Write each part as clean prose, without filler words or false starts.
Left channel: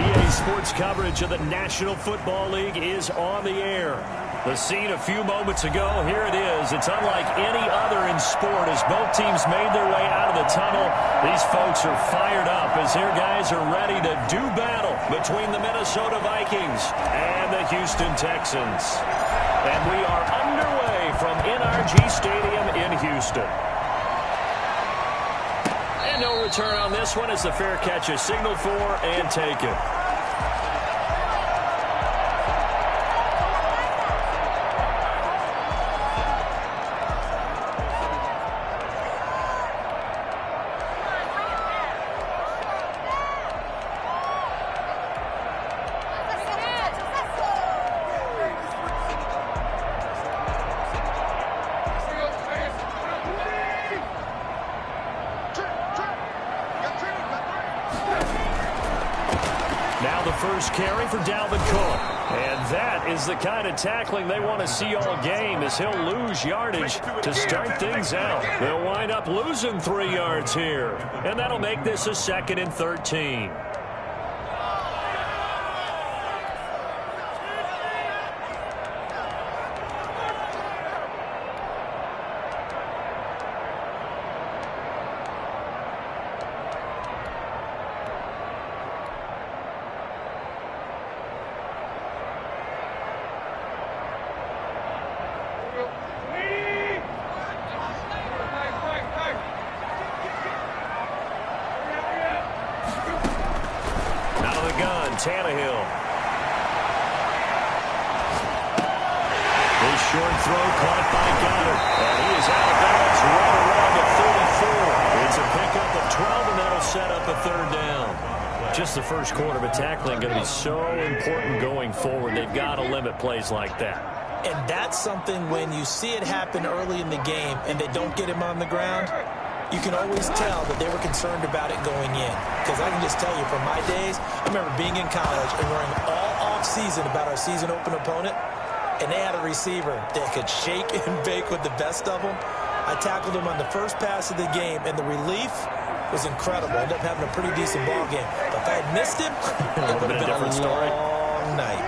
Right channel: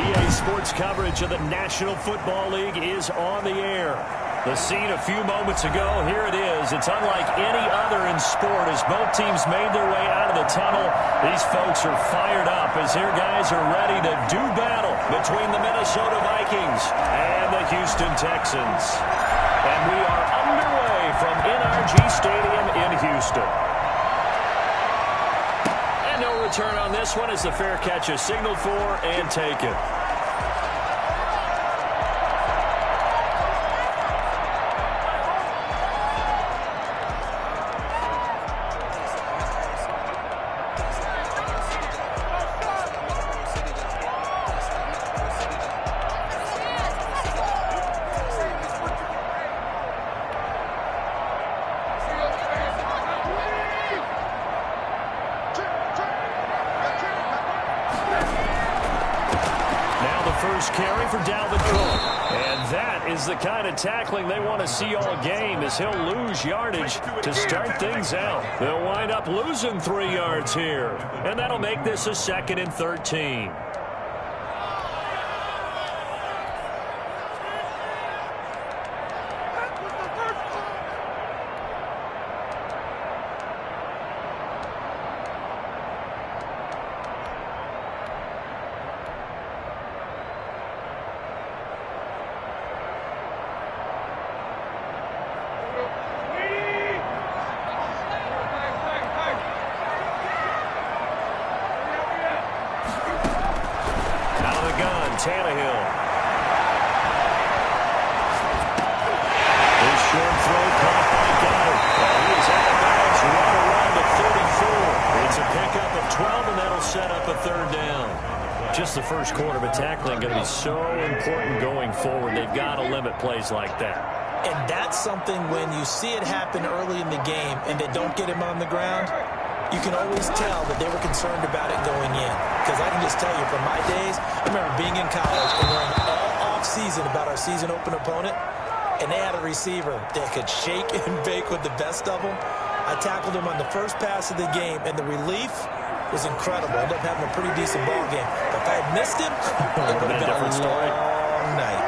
EA Sports coverage of the National Football League is on the air. The scene a few moments ago, here it is. It's unlike any other in sport as both teams made their way out of the tunnel. These folks are fired up as their guys are ready to do battle between the Minnesota Vikings and the Houston Texans. And we are underway from NRG Stadium in Houston. And no return on this one as the fair catch is signaled for and taken. First carry for Dalvin Cook. And that is the kind of tackling they want to see all game as he'll lose yardage to start things out. They'll wind up losing 3 yards here. And that'll make this a 2nd and 13. Tannehill. His short throw caught by Goddard. And he is out of bounds right around the 34. It's a pickup of 12, and that'll set up a 3rd down. Just the first quarter, but tackling going to be so important going forward. They've got to limit plays like that. And that's something when you see it happen early in the game and they don't get him on the ground, you can always tell that they were concerned about it going in. Because I can just tell you from my days, I remember being in college and worrying all off-season about our season-open opponent, and they had a receiver that could shake and bake with the best of them. I tackled him on the first pass of the game, and the relief was incredible. I ended up having a pretty decent ball game. But if I had missed him, it would have been a different story. Long night.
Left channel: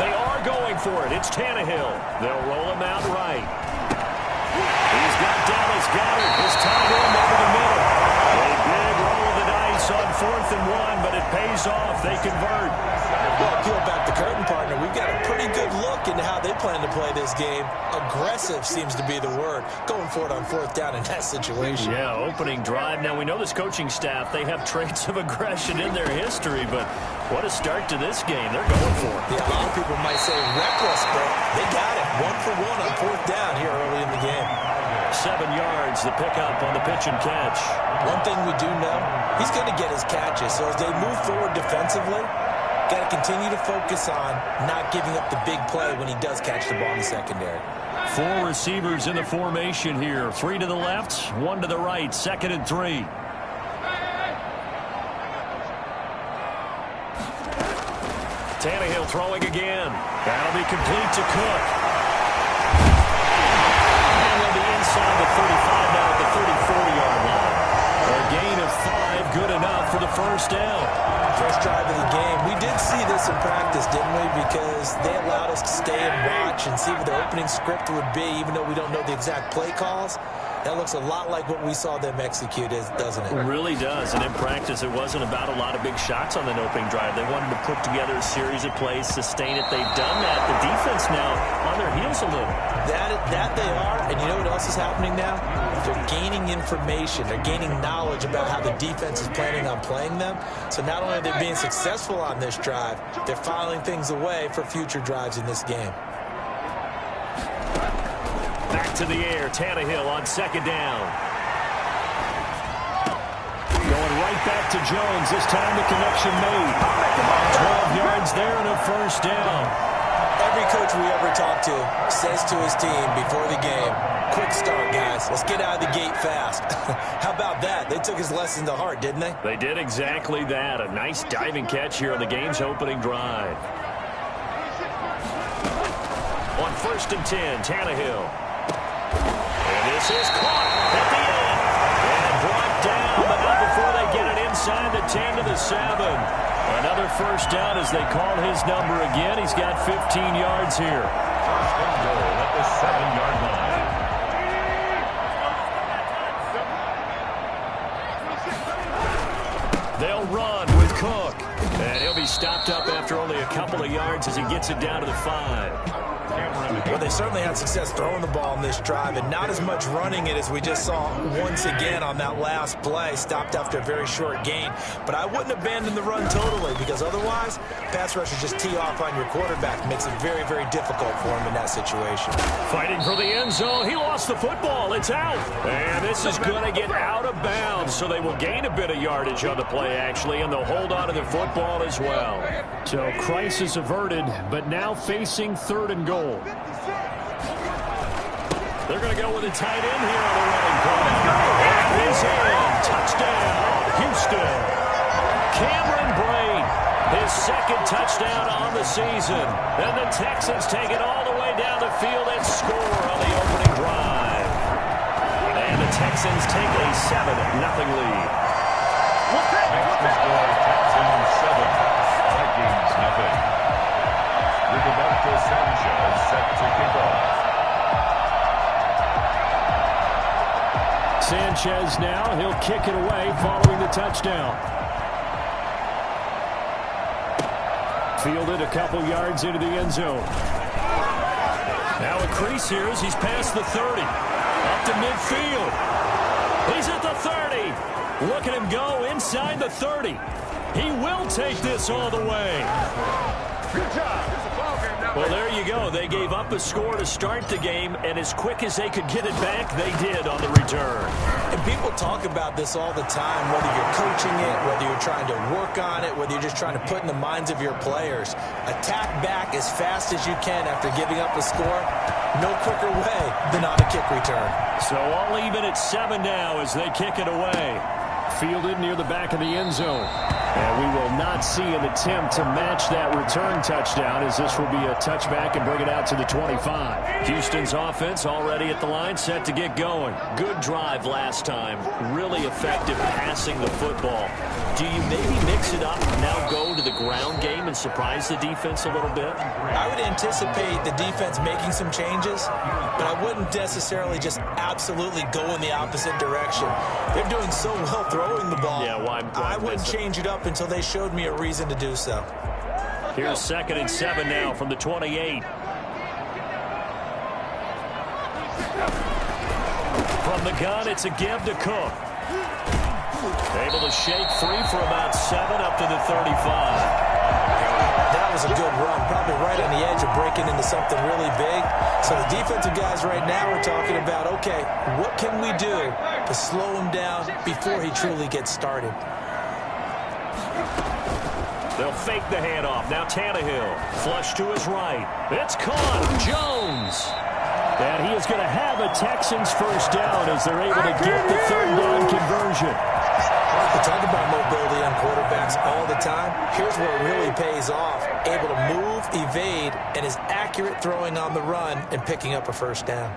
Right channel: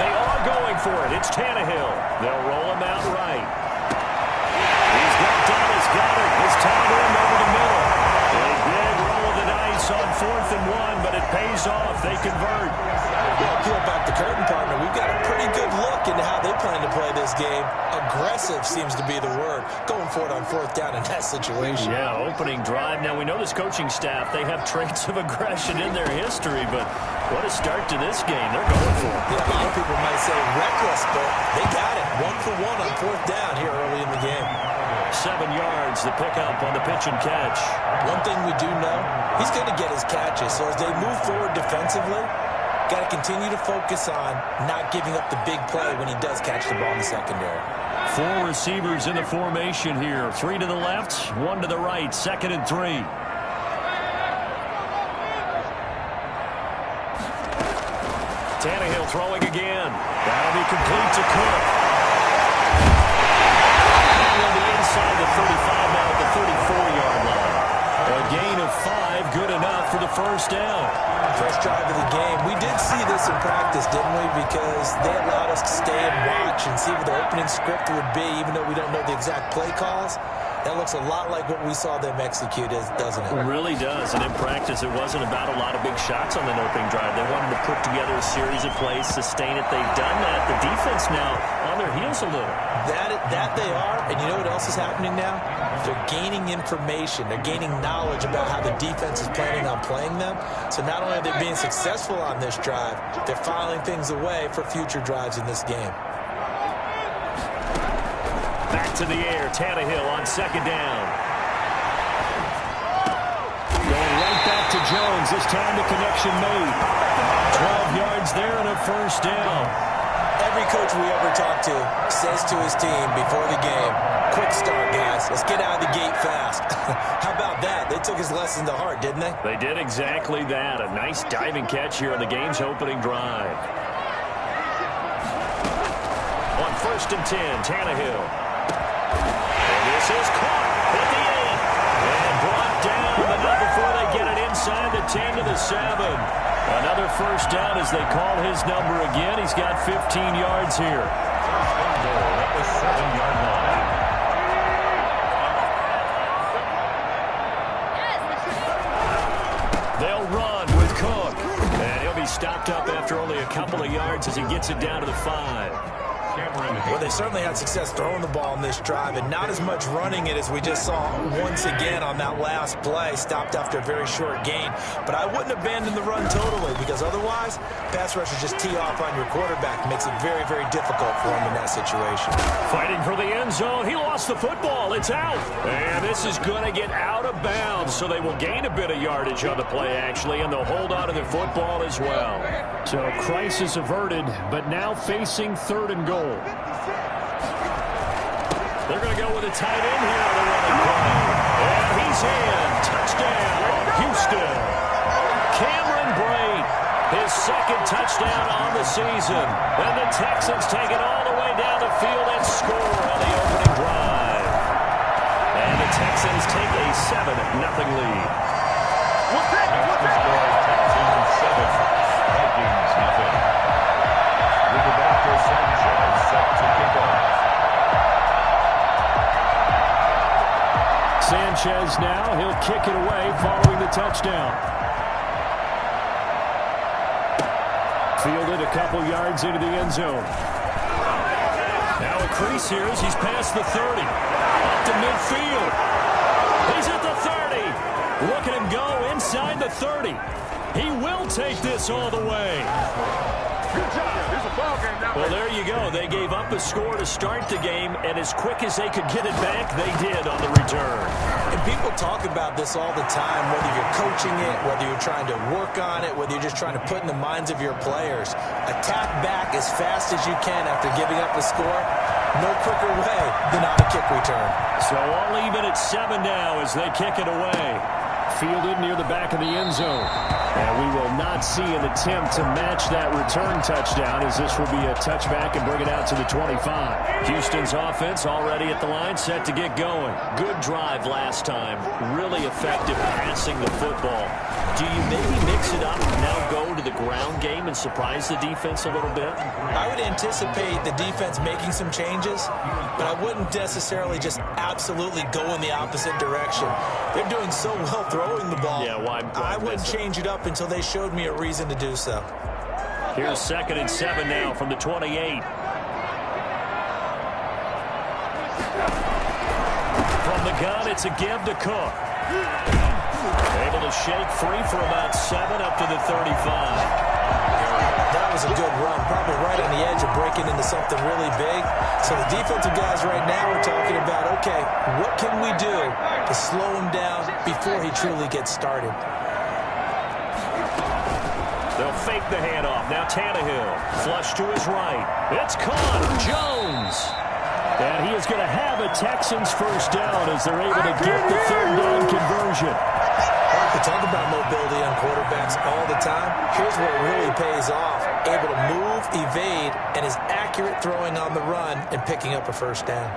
They are going for it. It's Tannehill. They'll roll him out right. He's got Dallas Goddard. It's tied in over the middle. A big roll of the dice on 4th and 1, but it pays off. They convert. Well, peel back the curtain, partner. We've got a pretty good look into how they plan to play this game. Aggressive seems to be the word. Going for it on 4th down in that situation. Yeah, opening drive. Now, we know this coaching staff, they have traits of aggression in their history, but what a start to this game. They're going for it. Yeah, a lot of people might say reckless, but they got it. 1 for 1 on 4th down here early in the game. 7 yards, the pickup on the pitch and catch. One thing we do know, he's going to get his catches. So as they move forward defensively, got to continue to focus on not giving up the big play when he does catch the ball in the secondary. 4 receivers in the formation here. 3 to the left, 1 to the right. 2nd and 3. Tannehill throwing again. That'll be complete to Cook. Inside the 35 now at the 34-yard line. A gain of 5, good enough for the first down. First drive of the game. We did see this in practice, didn't we? Because they allowed us to stay and watch and see what the opening script would be, even though we don't know the exact play calls. That looks a lot like what we saw them execute, doesn't it? It really does. And in practice, it wasn't about a lot of big shots on that opening drive. They wanted to put together a series of plays, sustain it. They've done that. The defense now on their heels a little. That they are. And you know what else is happening now? They're gaining information. They're gaining knowledge about how the defense is planning on playing them. So not only are they being successful on this drive, they're filing things away for future drives in this game. Back to the air, Tannehill on 2nd down. Going right back to Jones. This time the connection made. 12 yards there and a first down. Every coach we ever talk to says to his team before the game, quick start, guys. Let's get out of the gate fast. How about that? They took his lesson to heart, didn't they? They did exactly that. A nice diving catch here on the game's opening drive. On 1st and 10, Tannehill. And this is caught at the end. And brought down, but not before they get it inside. inside the 10 to the 7. Another first down as they call his number again. He's got 15 yards here. First and goal at the 7-yard line. They'll run with Cook. And he'll be stopped up after only a couple of yards as he gets it down to the 5. Well, they certainly had success throwing the ball in this drive and not as much running it as we just saw once again on that last play. Stopped after a very short gain. But I wouldn't abandon the run totally because otherwise, pass rushers just tee off on your quarterback. Makes it very, very difficult for him in that situation. Fighting for the end zone. He lost the football. It's out. And this is going to get out of bounds, so they will gain a bit of yardage on the play, actually, and they'll hold on to the football as well. So crisis averted, but now facing 3rd and goal. They're going to go with a tight end here on the running play. And he's in. Touchdown, Houston. Cameron Brate, his 2nd touchdown on the season. And the Texans take it all the way down the field and score on the opening drive. And the Texans take a 7-0 lead. The score is Texans 7, Vikings nothing. Rigoberto Sanchez set to kick off. Sanchez now, he'll kick it away following the touchdown. Fielded a couple yards into the end zone. Now a crease here as he's past the 30. Up to midfield. He's at the 30. Look at him go inside the 30. He will take this all the way. Good job. Here's a ball game now. Well, there you go. They gave up a score to start the game, and as quick as they could get it back, they did on the return. And people talk about this all the time, whether you're coaching it, whether you're trying to work on it, whether you're just trying to put in the minds of your players. Attack back as fast as you can after giving up a score. No quicker way than on a kick return. So all even at 7 now as they kick it away. Fielded near the back of the end zone. And we will not see an attempt to match that return touchdown as this will be a touchback and bring it out to the 25. Houston's offense already at the line, set to get going. Good drive last time. Really effective passing the football. Do you maybe mix it up, now go to the ground game and surprise the defense a little bit? I would anticipate the defense making some changes, but I wouldn't necessarily just absolutely go in the opposite direction. They're doing so well throwing the ball. Yeah, why I wouldn't change it up until they showed me a reason to do so. Here's 2nd and 7 now from the 28. From the gun, it's a give to Cook. Able to shake free for about 7 up to the 35. That was a good run, probably right on the edge of breaking into something really big. So the defensive guys right now are talking about, okay, what can we do to slow him down before he truly gets started? They'll fake the handoff. Now Tannehill, flush to his right. It's caught. Jones. And he is going to have a Texans first down as they're able to get the 3rd down conversion. We talk about mobility on quarterbacks all the time. Here's where it really pays off. Able to move, evade, and is accurate throwing on the run and picking up a first down.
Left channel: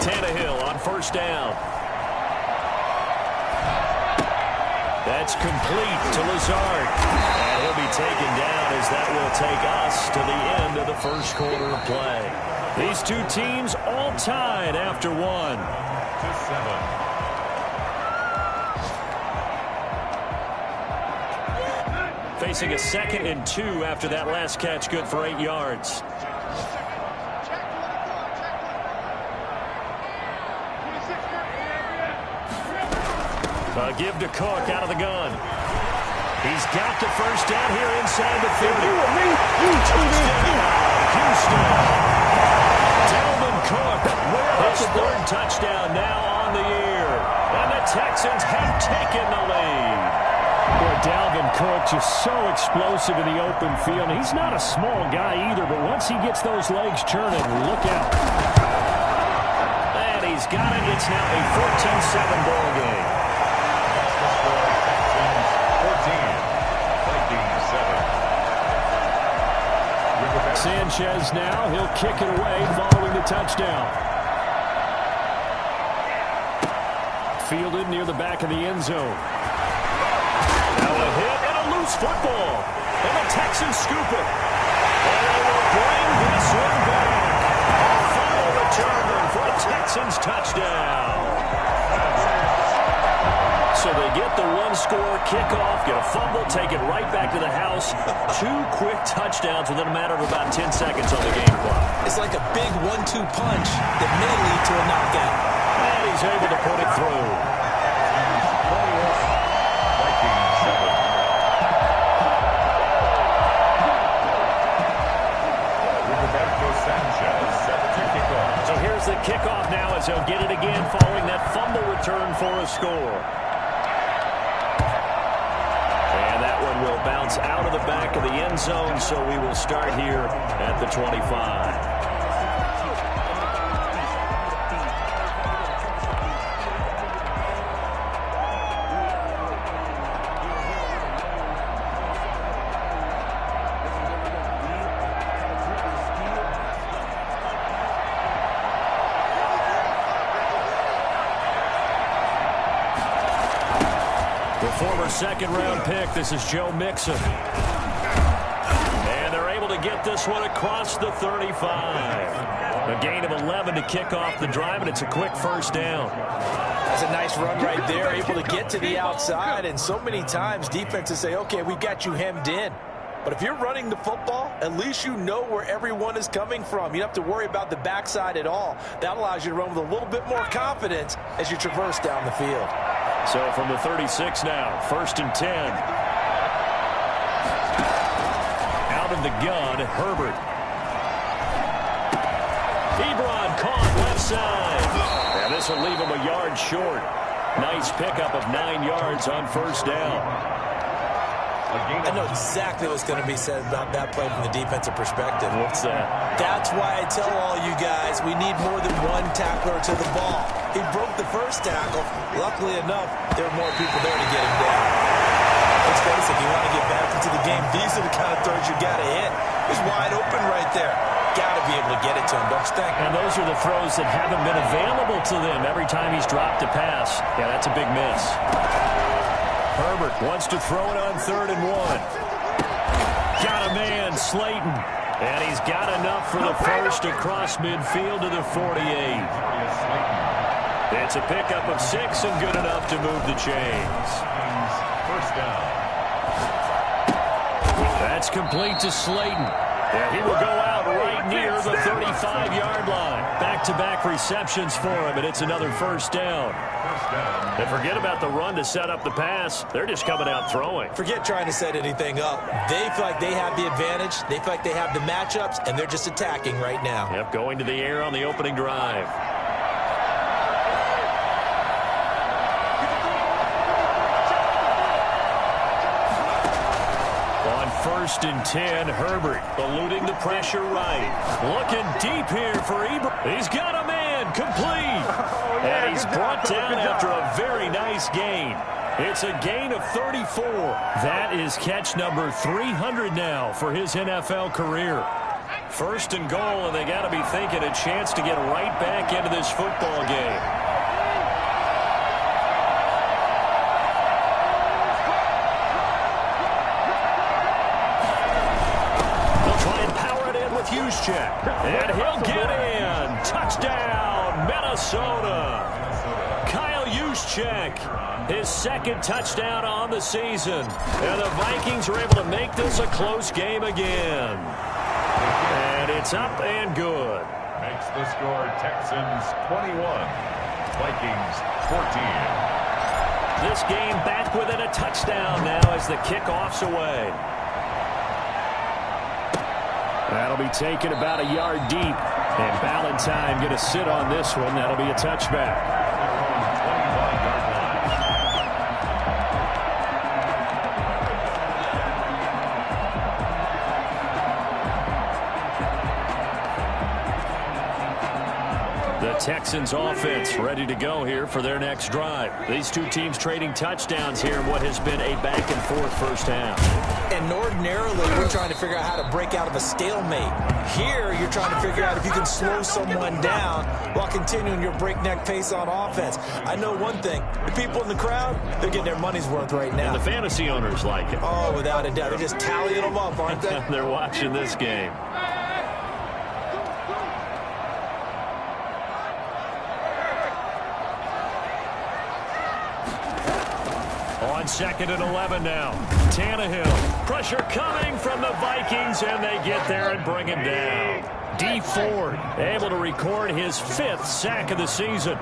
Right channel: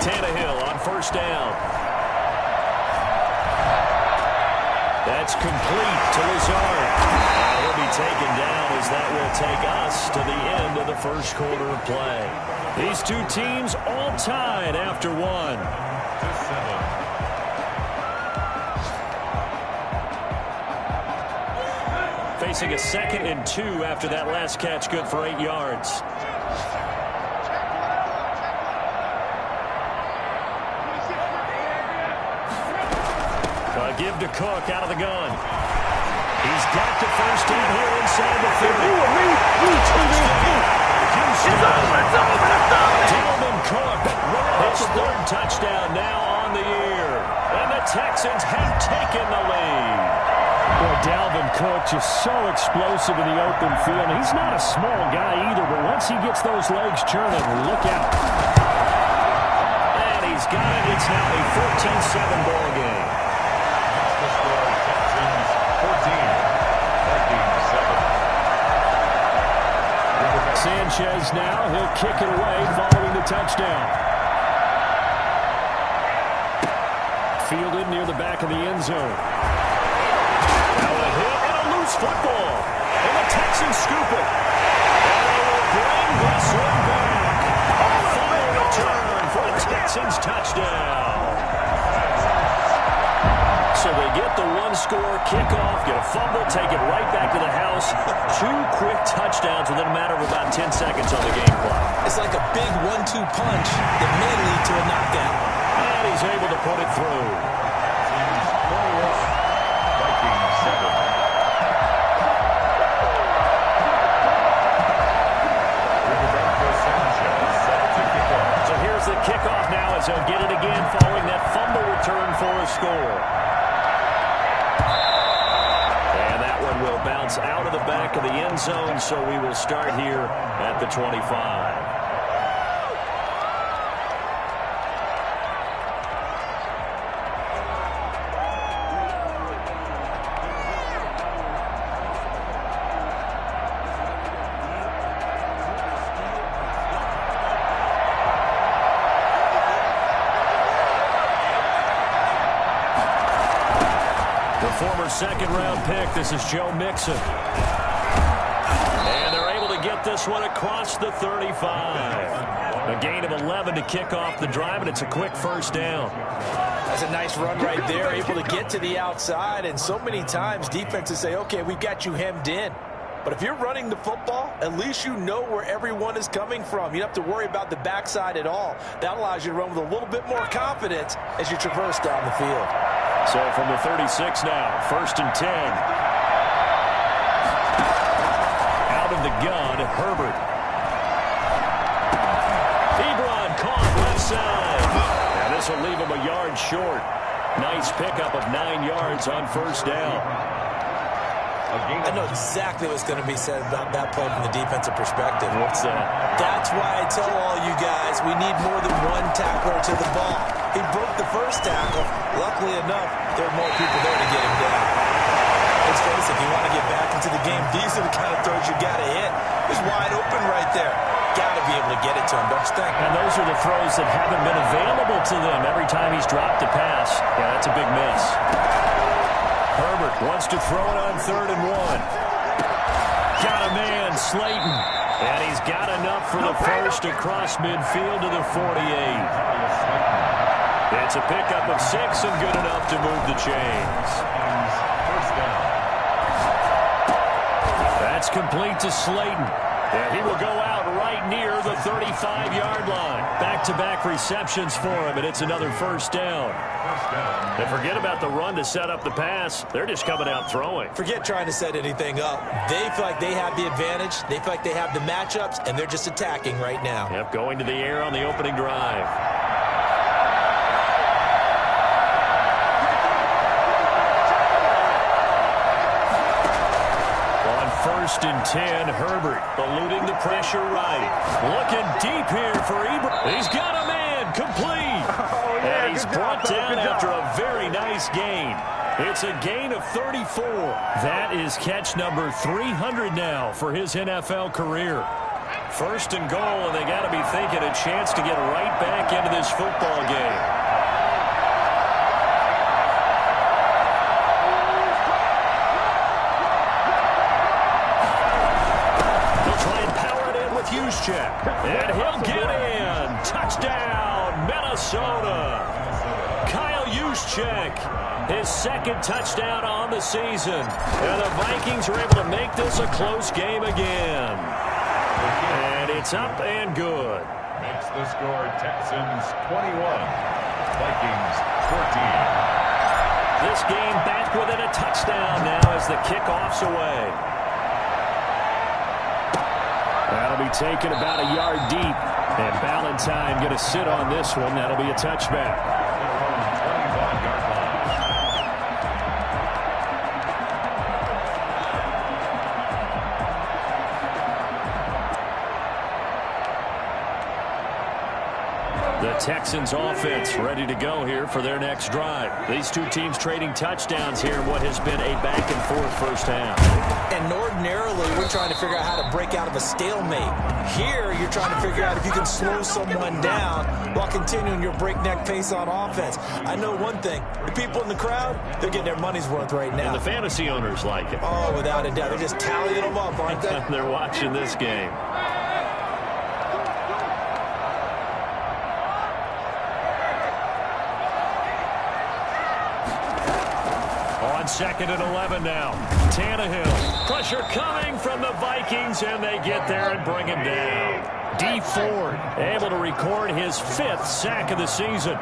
Tannehill on first down. That's complete to Lazard. And he'll be taken down as that will take us to the end of the first quarter of play. These two teams all tied after 1. To 7. Facing a 2nd and 2 after that last catch, good for 8 yards. Give to Cook out of the gun. He's got the first down here inside the 30. Houston. Dalvin Cook, his 3rd touchdown now on the year. And the Texans have taken the lead. Boy, Dalvin Cook just so explosive in the open field. He's not a small guy either, but once he gets those legs churning, look out. And he's got it. It's now a 14-7 ball game. The score, Texans 14, Vikings 7. Sanchez now, he'll kick it away following the touchdown. fielded near the back of the end zone. Now a hit and a loose football. And the Texans scoop it. And they will bring this one back. A fumble return for a Texans touchdown. So they get the one-score kickoff, get a fumble, take it right back to the house. 2 quick touchdowns within a matter of about 10 seconds on the game clock. It's like a big 1-2 punch that may lead to a knockout. And he's able to put it through. Vikings 7. Sanchez set to kick off. So here's the kickoff now as he'll get it again following that fumble return for a score. And that one will bounce out of the back of the end zone, so we will start here at the 25. Former second-round pick. This is Joe Mixon. And they're able to get this one across the 35. A gain of 11 to kick off the drive, and it's a quick first down. That's a nice run right there, able to get to the outside. And so many times defenses say, okay, we've got you hemmed in. But if you're running the football, at least you know where everyone is coming from. You don't have to worry about the backside at all. That allows you to run with a little bit more confidence as you traverse down the field. So from the 36 now, 1st and 10. Out of the gun, Herbert. Ebron caught left side. Now this will leave him a yard short. Nice pickup of 9 yards on first down. I know exactly what's going to be said about that play from the defensive perspective. What's that? That's why I tell all you guys we need more than one tackler to the ball. He broke the first tackle. Luckily enough, there were more people there to get him down. Let's face it, if you want to get back into the game, these are the kind of throws you got to hit. He's wide open right there. Got to be able to get it to him, don't you think? And those are the throws that haven't been available to them every time he's dropped a pass. Yeah, that's a big miss. Herbert wants to throw it on 3rd and 1. Got a man, Slayton. And he's got enough for the first across midfield to the 48. It's a pickup of 6 and good enough to move the chains. First down. That's complete to Slayton. And he will go out right near the 35-yard line. Back-to-back receptions for him, and it's another first down. And forget about the run to set up the pass. They're just coming out throwing. Forget trying to set anything up. They feel like they have the advantage. They feel like they have the matchups, and they're just attacking right now. Yep, going to the air on the opening drive. On 1st and 10, Herbert eluding the pressure right. Looking deep here for Ebron. He's got a man, complete. And he's brought down after a very nice gain. It's a gain of 34. That is catch number 300 now for his NFL career. 1st and goal, and they got to be thinking a chance to get right back into this football game. Juszczyk, and he'll get in. Touchdown, Minnesota. Kyle Juszczyk, his 2nd touchdown on the season. And the Vikings are able to make this a close game again. And it's up and good. Makes the score Texans 21, Vikings 14. This game back within a touchdown now as the kickoff's away. That'll be taken about a yard deep. And Ballantyne going to sit on this one. That'll be a touchback. Their own 25-yard line. The Texans offense ready to go here for their next drive. These two teams trading touchdowns here in what has been a back-and-forth first half. And ordinarily, we're trying to figure out how to break out of a stalemate. Here, you're trying to figure out if you can slow someone down while continuing your breakneck pace on offense. I know one thing. The people in the crowd, they're getting their money's worth right now. And the fantasy owners like it. Oh, without a doubt. They're just tallying them up, aren't they? They're watching this game. On 2nd and 11 now. Tannehill. Pressure coming from the Vikings, and they get there and bring him down. D. Ford able to record his 5th sack of the season.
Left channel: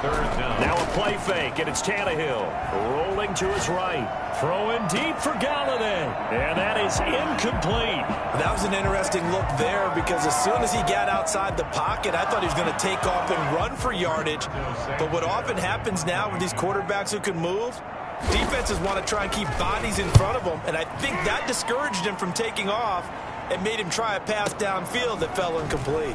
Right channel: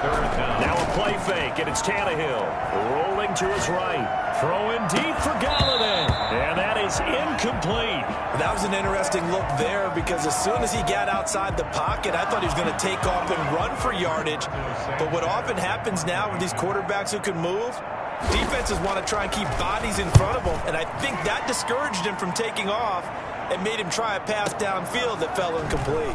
Now a play fake, and it's Tannehill rolling to his right. Throwing deep for Galladay, and that is incomplete. That was an interesting look there because as soon as he got outside the pocket, I thought he was going to take off and run for yardage. But what often happens now with these quarterbacks who can move, defenses want to try and keep bodies in front of them, and I think that discouraged him from taking off and made him try a pass downfield that fell incomplete.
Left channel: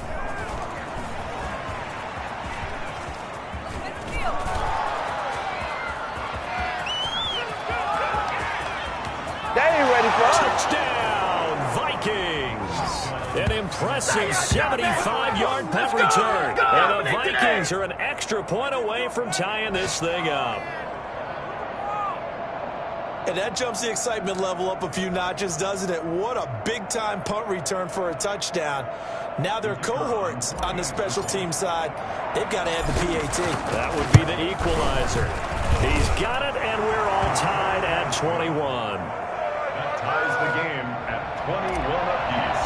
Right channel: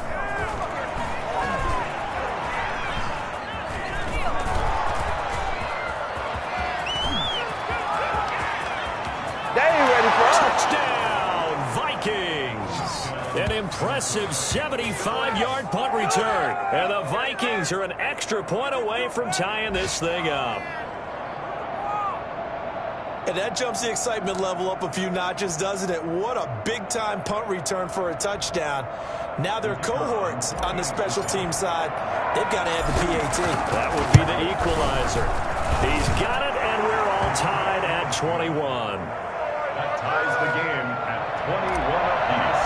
Touchdown, Vikings! An impressive 75-yard punt return. And the Vikings are an extra point away from tying this thing up. And that jumps the excitement level up a few notches, doesn't it? What a big-time punt return for a touchdown. Now their cohorts on the special team side, they've got to add the PAT. That would be the equalizer. He's got it, and we're all tied at 21. That ties the game at 21 apiece.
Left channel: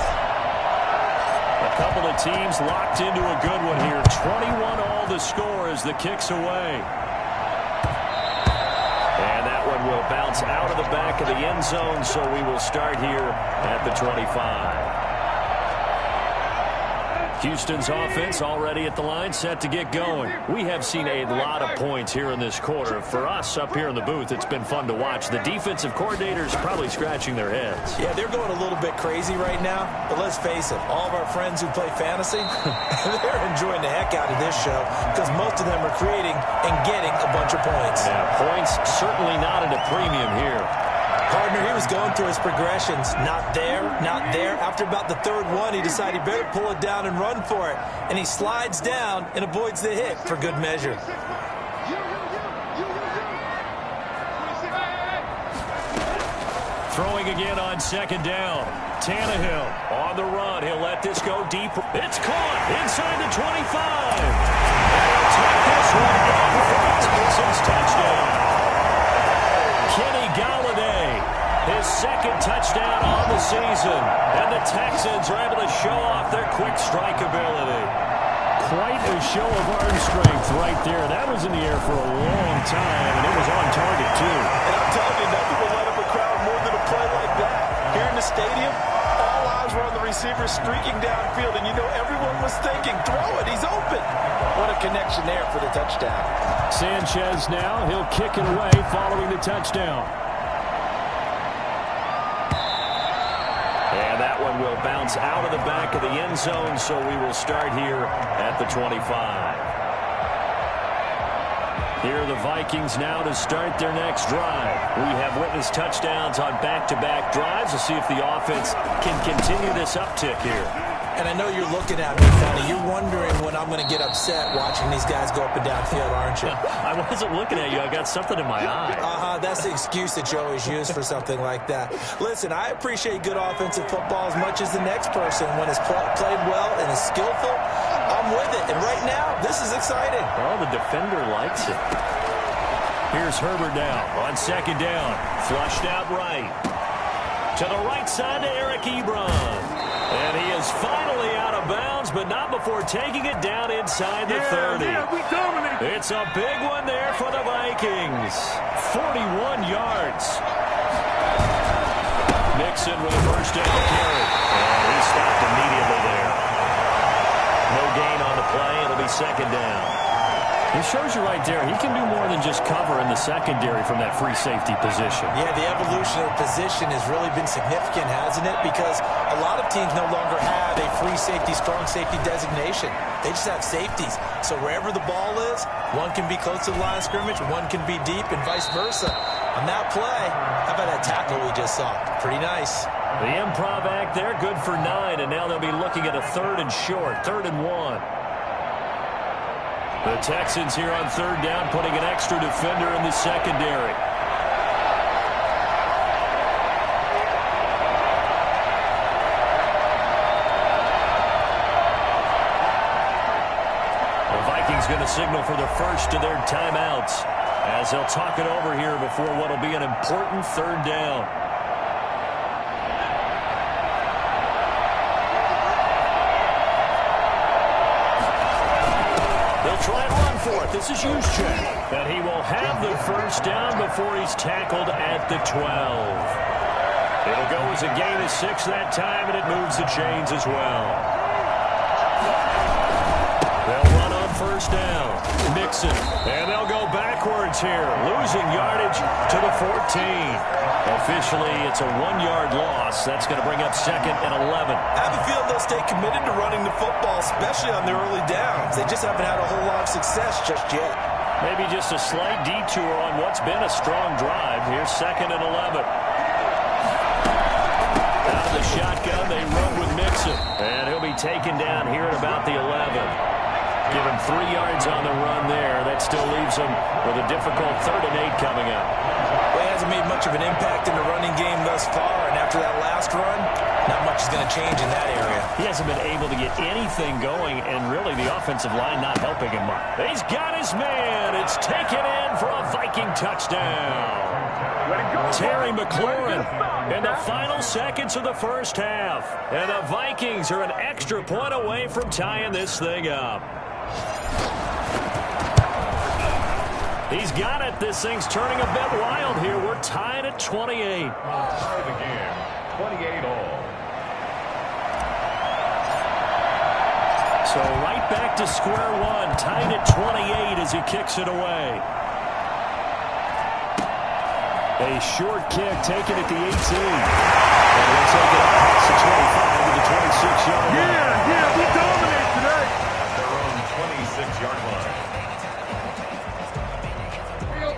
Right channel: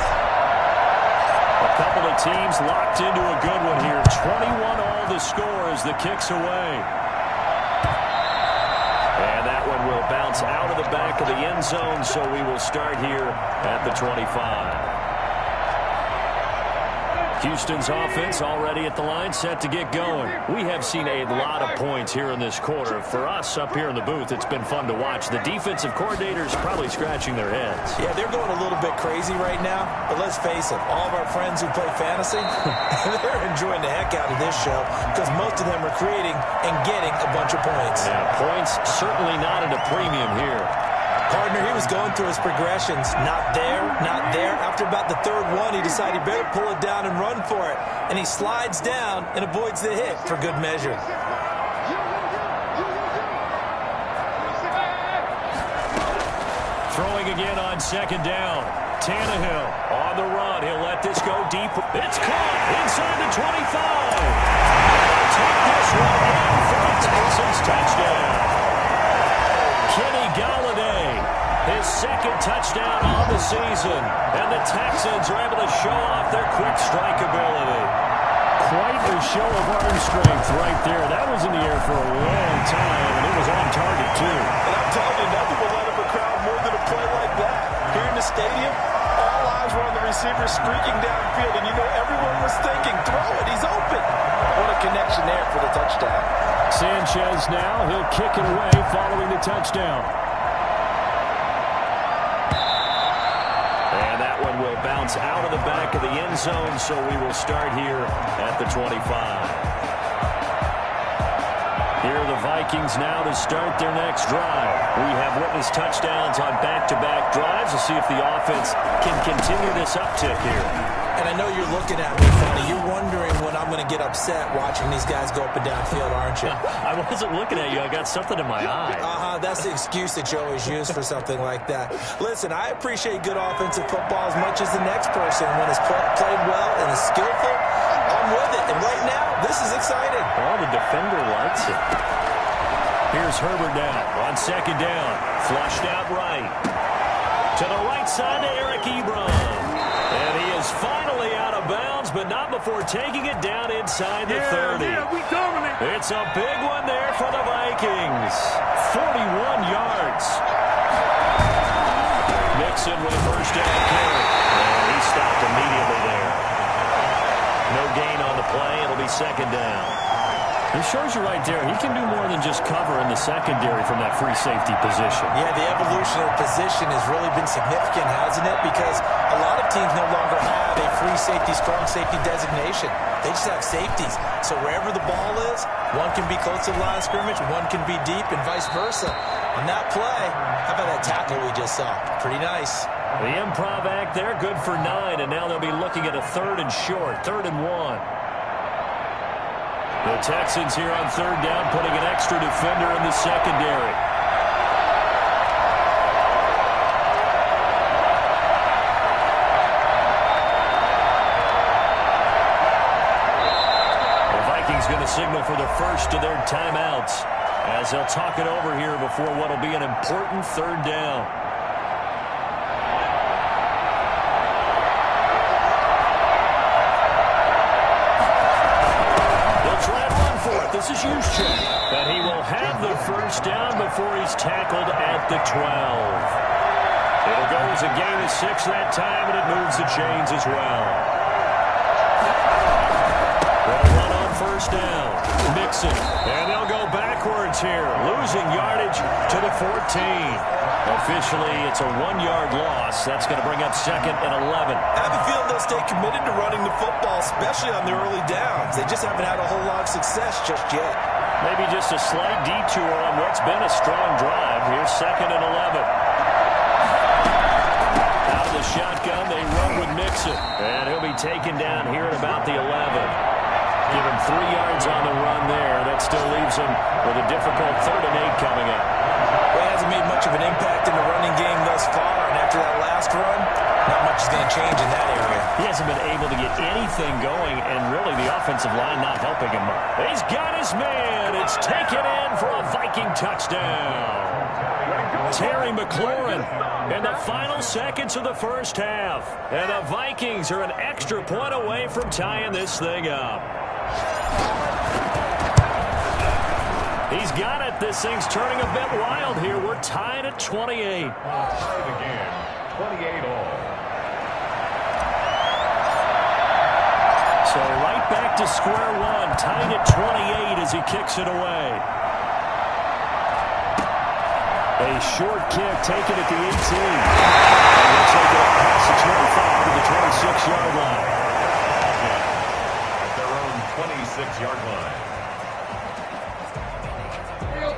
A couple of teams locked into a good one here. 21 all the score as the kick's away. And that one will bounce out of the back of the end zone, so we will start here at the 25. Houston's offense already at the line, set to get going. We have seen a lot of points here in this quarter. For us up here in the booth, it's been fun to watch. The defensive coordinators probably scratching their heads. Yeah, they're going a little bit crazy right now. But let's face it, all of our friends who play fantasy, they're enjoying the heck out of this show because most of them are creating and getting a bunch of points. Yeah, points certainly not at a premium here. Partner, he was going through his progressions. Not there, not there. After about the third one, he decided he better pull it down and run for it. And he slides down and avoids the hit for good measure. Throwing again on 2nd down. Tannehill on the run. He'll let this go deep. It's caught inside the 25. They'll take this one in for a Texans touchdown. Kenny Galladay, his 2nd touchdown on the season. And the Texans are able to show off their quick strike ability. Quite a show of arm strength right there. That was in the air for a long time, and it was on target, too. And I'm telling you, nothing will light up a crowd more than a play like that. Here in the stadium, all eyes were on the receiver streaking downfield, and you know everyone was thinking, throw it, he's open. What a connection there for the touchdown. Sanchez now, he'll kick it away following the touchdown. And that one will bounce out of the back of the end zone, so we will start here at the 25. Here are the Vikings now to start their next drive. We have witnessed touchdowns on back-to-back drives. We'll see if the offense can continue this uptick here. And I know you're looking at me funny. You're wondering when I'm going to get upset watching these guys go up and down field, aren't you? I wasn't looking at you. I got something in my eye. That's the excuse that you always use for something like that. Listen, I appreciate good offensive football as much as the next person. When it's played well and is skillful, I'm with it. And right now, this is exciting. Well, the defender likes it. Here's Herbert now on 2nd down. Flushed out right. To the right side to Eric Ebron. And he is finally out of bounds, but not before taking it down inside the 30. We dominate. It's a big one there for the Vikings. 41 yards. Mixon with a first down carry. And he stopped immediately there. No gain on the play. It'll be 2nd down. It shows you right there, he can do more than just cover in the secondary from that free safety position. Yeah, the evolution of the position has really been significant, hasn't it? Because a lot of teams no longer have a free safety, strong safety designation. They just have safeties. So wherever the ball is, one can be close to the line of scrimmage, one can be deep, and vice versa. On that play, how about that tackle we just saw? Pretty nice. The improv act there, good for 9, and now they'll be looking at a 3rd and short, 3rd and 1. The Texans here on 3rd down, putting an extra defender in the secondary. The Vikings going to signal for the first of their timeouts as they'll talk it over here before what will be an important 3rd down. Try and run for it. This is Juszczyk. And he will have the first down before he's tackled at the 12. It'll go as a gain of 6 that time, and it moves the chains as well. They'll run on first down. Mixon. And they'll go backwards here, losing yardage to the 14. Officially, it's a 1-yard loss. That's going to bring up 2nd and 11. I have a feeling they'll stay committed to running the football, especially on the early downs. They just haven't had a whole lot of success just yet. Maybe just a slight detour on what's been a strong drive. Here's 2nd and 11. Out of the shotgun, they run with Mixon. And he'll be taken down here at about the 11. Give him 3 yards on the run there. That still leaves him with a difficult 3rd and 8 coming up. Well, he hasn't made much of an impact in the running game thus far, and after that last run, not much is going to change in that area. He hasn't been able to get anything going, and really the offensive line not helping him much. He's got his man. It's taken in for a Viking touchdown. Terry McLaurin in the final seconds of the first half. And the Vikings are an extra point away from tying this thing up. He's got it. This thing's turning a bit wild here. We're tied at 28. Tie the game, 28 all. So right back to square one, tied at 28 as he kicks it away. A short kick taken at the 18. And we'll take it up past the 25 to the 26-yard line. At their own 26-yard line.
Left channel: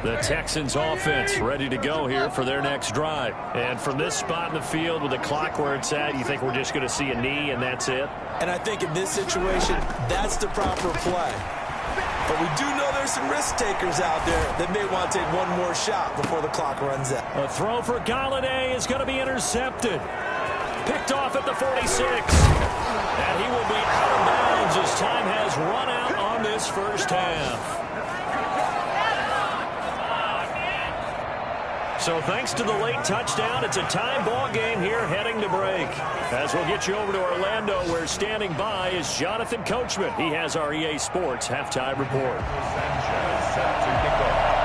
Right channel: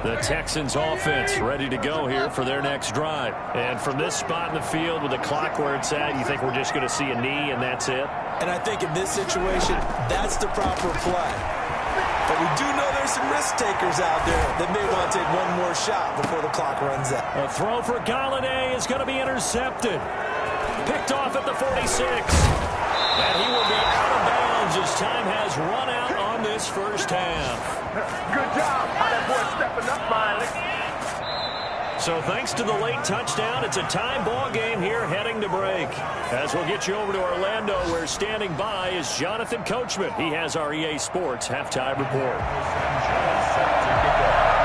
The Texans offense ready to go here for their next drive. And from this spot in the field with the clock where it's at, you think we're just going to see a knee and that's it? And I think in this situation, that's the proper play. But we do know there's some risk takers out there that may want to take one more shot before the clock runs out. A throw for Galladay is going to be intercepted. Picked off at the 46. And he will be out of bounds as time has run out on this first half. Good job. So thanks to the late touchdown, it's a tie ball game here heading to break. As we'll get you over to Orlando, where standing by is Jonathan Coachman. He has our EA Sports halftime report. Sanchez set to kick off.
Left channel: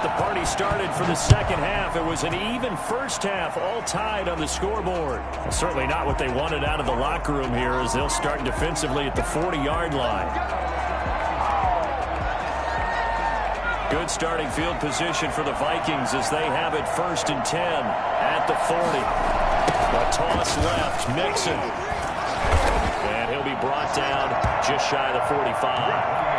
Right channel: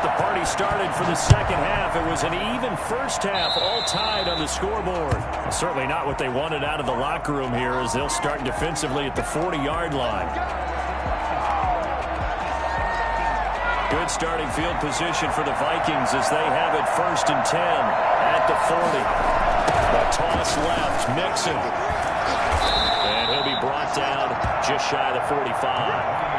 The party started for the second half. It was an even first half, all tied on the scoreboard. Well, certainly not what they wanted out of the locker room here as they'll start defensively at the 40-yard line. Good starting field position for the Vikings as they have it 1st and 10 at the 40. The toss left, Mixon. And he'll be brought down just shy of the 45.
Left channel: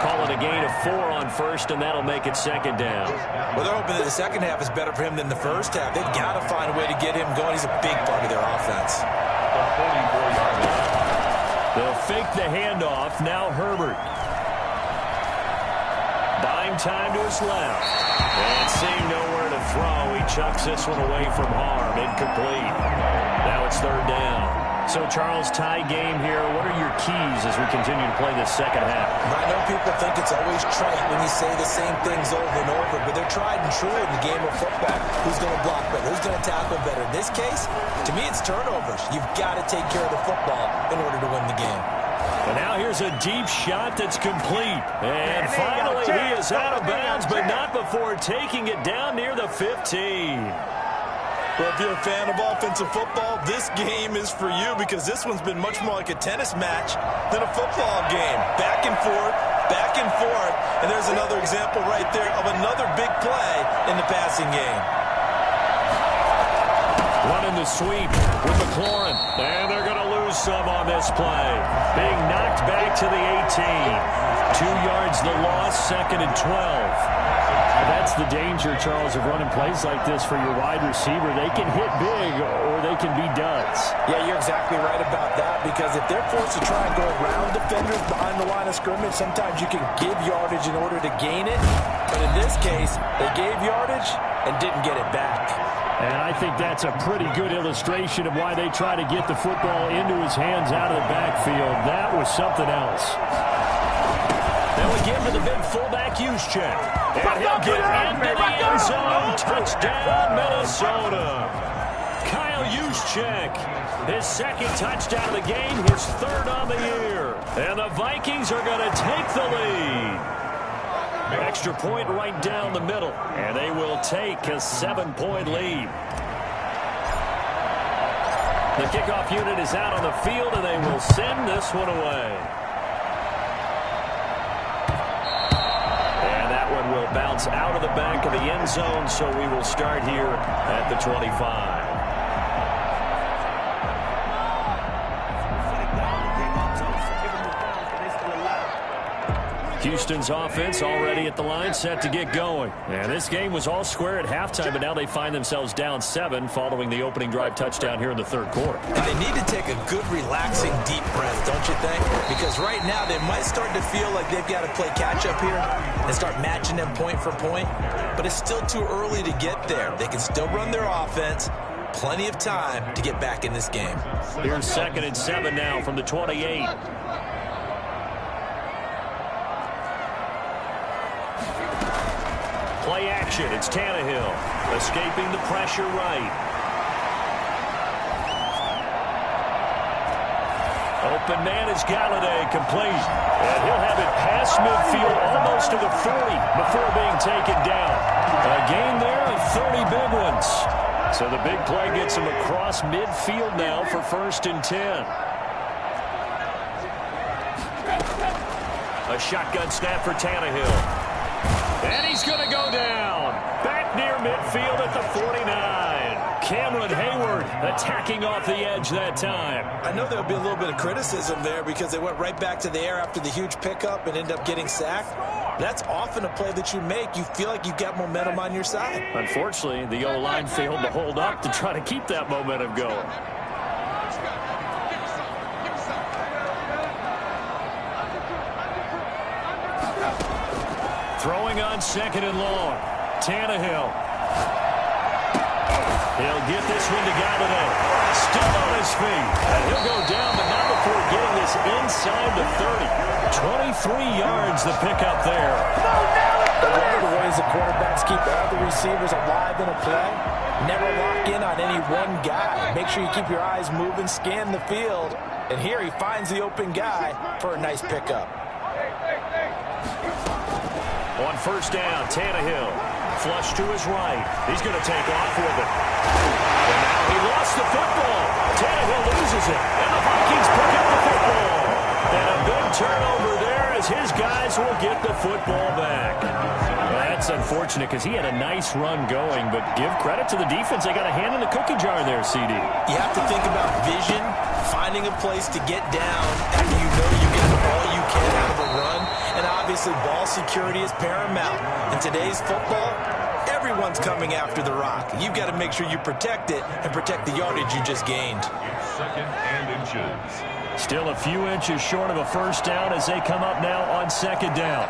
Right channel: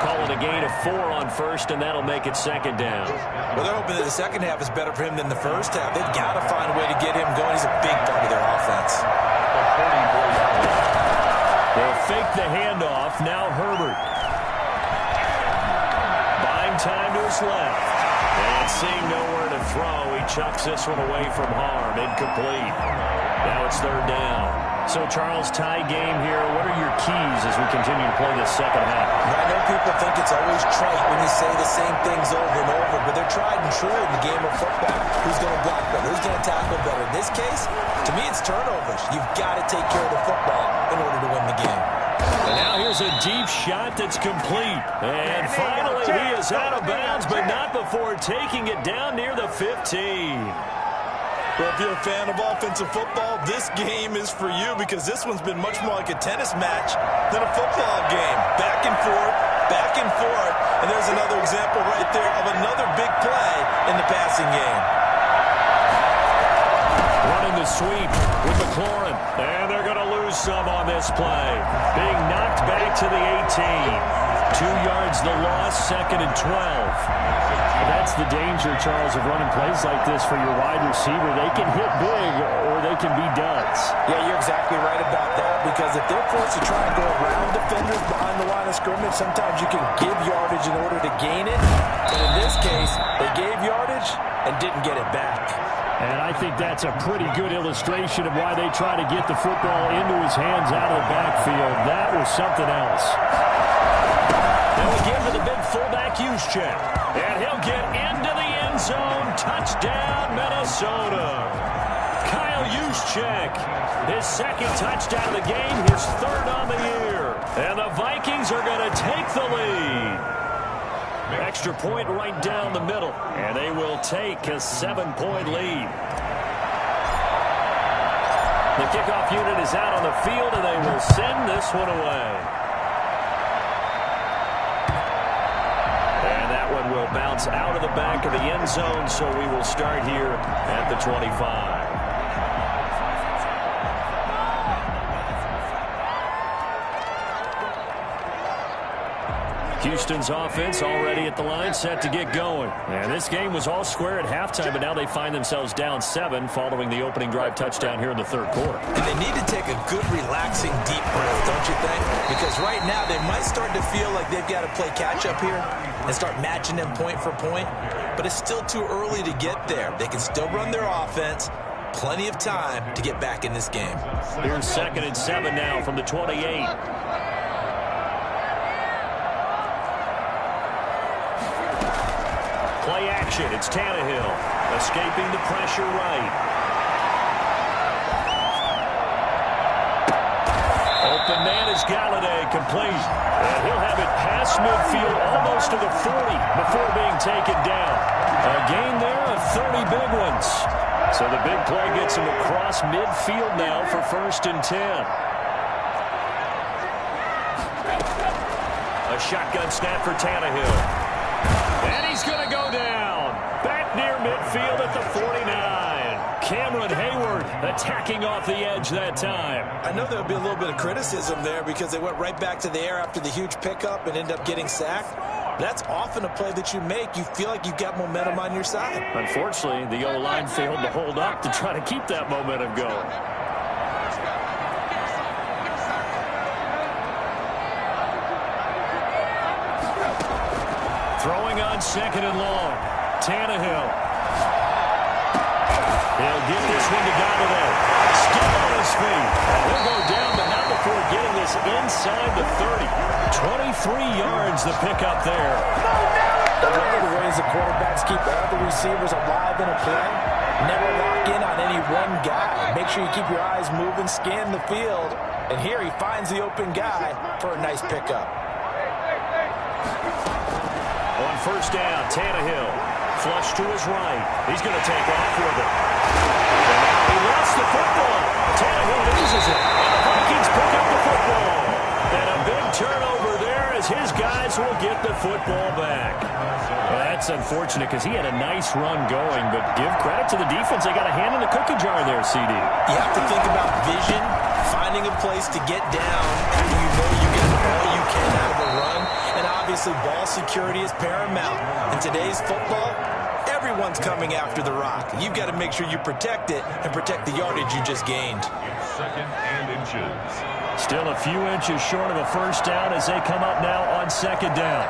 Call it a gain of 4 on first, and that'll make it 2nd down. Well, they're hoping that the second half is better for him than the first half. They've got to find a way to get him going. He's a big part of their offense. The 44-yard line. They'll fake the handoff. Now Herbert. Buying time to his left. And seeing nowhere to throw, he chucks this one away from harm. Incomplete. Now it's 3rd down. So, Charles, tie game here. What are your keys as we continue to play this second half? I know people think it's always trite when you say the same things over and over, but they're tried and true in the game of football. Who's going to block better? Who's going to tackle better? In this case, to me, it's turnovers. You've got to take care of the football in order to win the game. And now here's a deep shot that's complete. And finally, he is out of bounds, but not before taking it down near the 15. Well, if you're a fan of offensive football, this game is for you because this one's been much more like a tennis match than a football game. Back and forth, back and forth, and there's another example right there of another big play in the passing game. Running the sweep with McLaurin, and they're going to lose some on this play. Being knocked back to the 18. 2 yards the loss, 2nd and 12. That's the danger, Charles, of running plays like this for your wide receiver. They can hit big or they can be duds. Yeah, you're exactly right about that, because if they're forced to try and go around defenders behind the line of scrimmage, sometimes you can give yardage in order to gain it. But in this case, they gave yardage and didn't get it back. And I think that's a pretty good illustration of why they try to get the football into his hands out of the backfield. That was something else. They'll again to the big fullback use check. And he'll get into the end zone. Touchdown, Minnesota. Kyle Juszczyk, his 2nd touchdown of the game, his 3rd on the year. And the Vikings are going to take the lead. Extra point right down the middle. And they will take a 7-point lead. The kickoff unit is out on the field, and they will send this one away. And that one will bounce out of the back of the end zone, so we will start here at the 25. Houston's offense already at the line, set to get going. And this game was all square at halftime, but now they find themselves down 7 following the opening drive touchdown here in the 3rd quarter. And they need to take a good, relaxing, deep breath, don't you think? Because right now they might start to feel like they've got to play catch-up here and start matching them point for point. But it's still too early to get there. They can still run their offense. Plenty of time to get back in this game. Here's 2nd and 7 now from the 28. Play action. It's Tannehill escaping the pressure right. Open man is Galladay, complete. And he'll have it past midfield almost to the 40 before being taken down. A gain there of 30 big ones. So the big play gets him across midfield now for 1st and 10. A shotgun snap for Tannehill. And he's going to go down. Back near midfield at the 49. Cameron Hayward attacking off the edge that time. I know there'll be a little bit of criticism there because they went right back to the air after the huge pickup and ended up getting sacked. That's often a play that you make. You feel like you've got momentum on your side. Unfortunately, the O-line failed to hold up to try to keep that momentum going. Throwing on 2nd and long. Tannehill. He'll get this one to Galladay. Still on his feet. And he'll go down, but not before getting this inside the 30. 23 yards the pickup there. One of the ways the quarterbacks keep all the receivers alive in a play, never lock in on any one guy. Make sure you keep your eyes moving, scan the field. And here he finds the open guy for a nice pickup. On 1st down, Tannehill. Flush to his right. He's going to take off with it. And now he lost the football. Tannehill loses it. And the Vikings pick up the football. And a big turnover there as his guys will get the football back. Well, that's unfortunate because he had a nice run going, but give credit to the defense. They got a hand in the cookie jar there, CD. You have to think about vision, finding a place to get down after you know you got all you can out of a run. And obviously, ball security is paramount. In today's football, everyone's coming after the rock. You've got to make sure you protect it and protect the yardage you just gained. 2nd and inches. Still a few inches short of a 1st down as they come up now on 2nd down.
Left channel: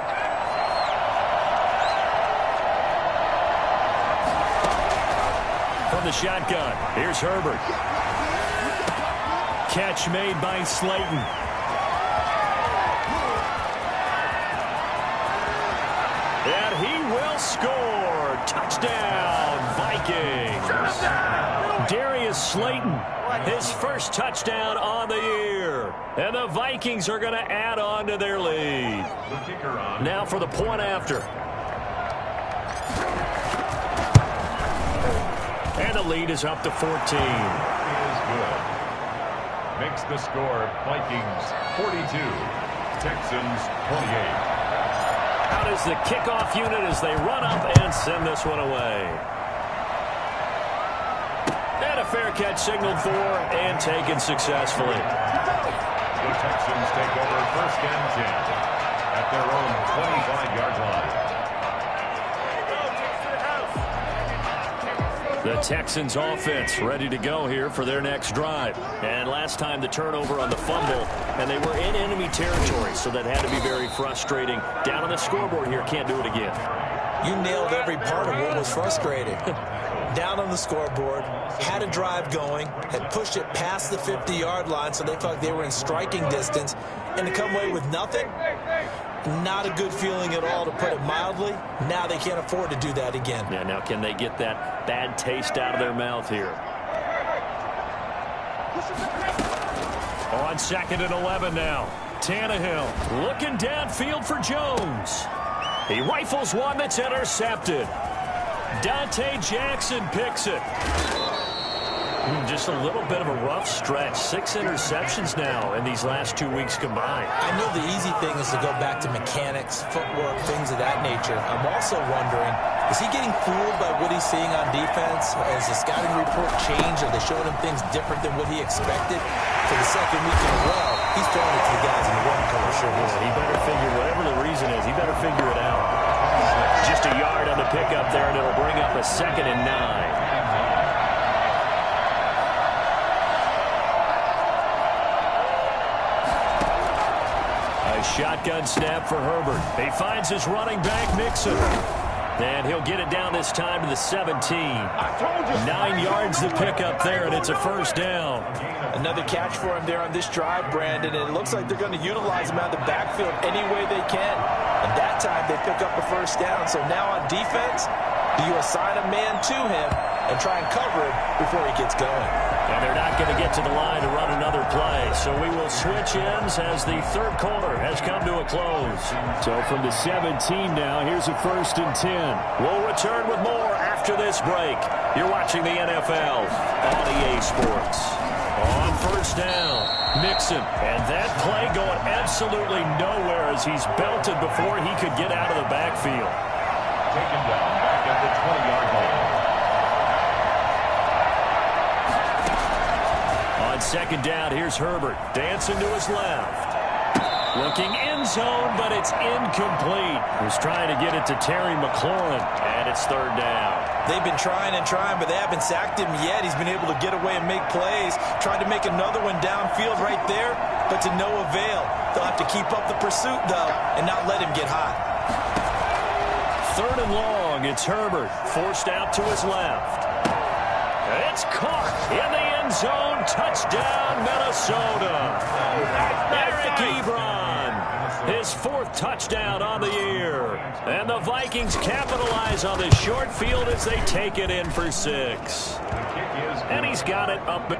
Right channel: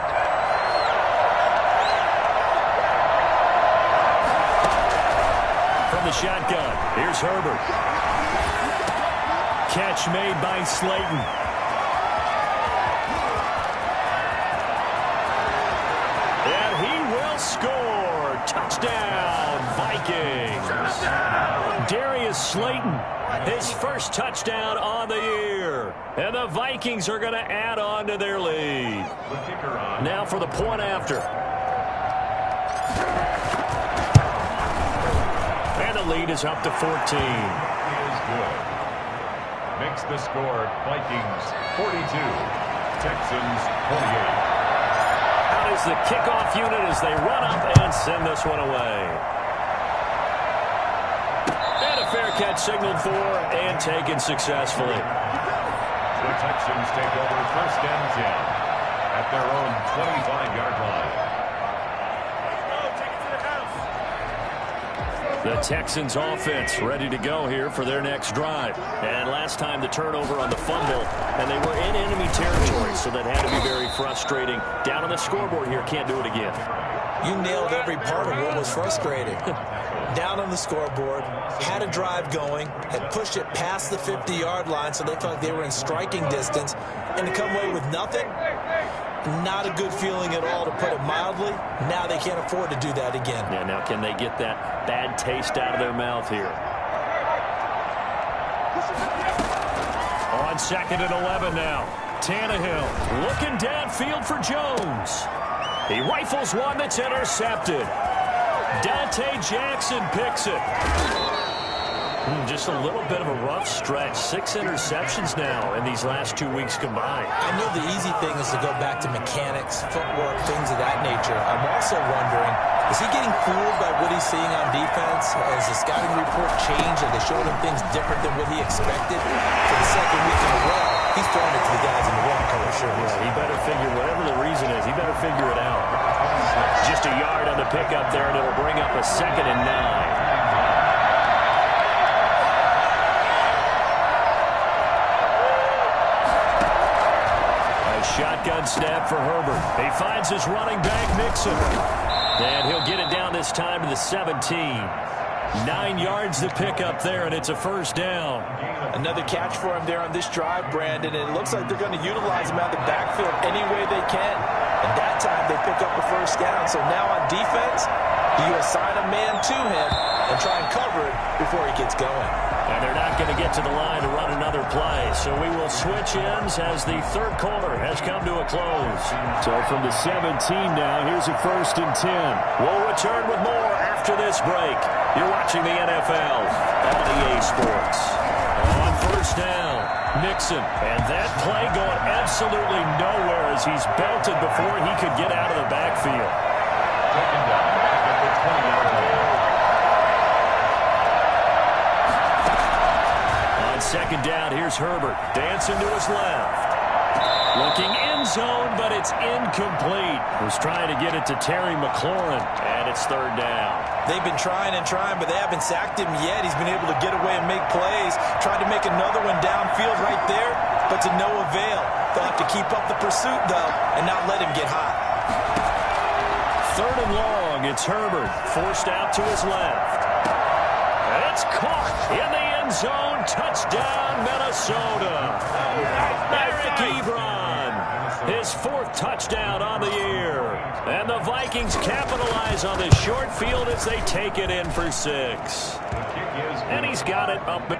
From the shotgun, here's Herbert. Catch made by Slayton. And he will score. Touchdown, Vikings. Darius Slayton, his 1st touchdown on the year. And the Vikings are going to add on to their lead. Now for the point after. And the lead is up to 14. Is good. Makes the score Vikings 42, Texans 28. Out is the kickoff unit as they run up and send this one away. And a fair catch signaled for and taken successfully. The Texans take over 1st and 10 at their own 25-yard line. The Texans offense ready to go here for their next drive. And last time the turnover on the fumble, and they were in enemy territory, so that had to be very frustrating. Down on the scoreboard here, can't do it again. You nailed every part of what was frustrating. Down on the scoreboard, had a drive going, had pushed it past the 50-yard line, so they felt they were in striking distance, and to come away with nothing, not a good feeling at all, to put it mildly. Now they can't afford to do that again. Yeah, now can they get that bad taste out of their mouth here? On 2nd and 11 now. Tannehill looking downfield for Jones. He rifles one that's intercepted. Dante Jackson picks it. Just a little bit of a rough stretch. 6 interceptions now in these last 2 weeks combined. I know the easy thing is to go back to mechanics, footwork, things of that nature. I'm also wondering, is he getting fooled by what he's seeing on defense? Has the scouting report changed? Are they showing him things different than what he expected? For the 2nd week in a row, he's throwing it to the guys in the one-color shirts. Yeah, he better figure, whatever the reason is, he better figure it out. Just a yard on the pickup there, and it'll bring up a 2nd and 9. Shotgun snap for Herbert. He finds his running back, Mixon. And he'll get it down this time to the 17. 9 yards to pick up there, and it's a 1st down. Another catch for him there on this drive, Brandon, and it looks like they're going to utilize him out of the backfield any way they can. And that time they pick up a 1st down. So now on defense, do you assign a man to him and try and cover it before he gets going? And they're not going to get to the line to run another play. So we will switch ends as the 3rd quarter has come to a close. So from the 17 now, here's a 1st and 10. We'll return with more after this break. You're watching the NFL on EA Sports. On 1st down, Mixon. And that play going absolutely nowhere as he's belted before he could get out of the backfield. Taken down back at the 20-yard line. On 2nd down, here's Herbert. Dancing to his left. Looking end zone, but it's incomplete. Was trying to get it to Terry McLaurin, and it's 3rd down. They've been trying and trying, but they haven't sacked him yet. He's been able to get away and make plays. Tried to make another one downfield right there, but to no avail. They'll have to keep up the pursuit, though, and not let him get hot. 3rd and long. It's Herbert. Forced out to his left. It's caught in the end zone. Touchdown, Minnesota. Eric Ebron, his 4th touchdown on the year. And the Vikings capitalize on the short field as they take it in for 6. And he's got it up.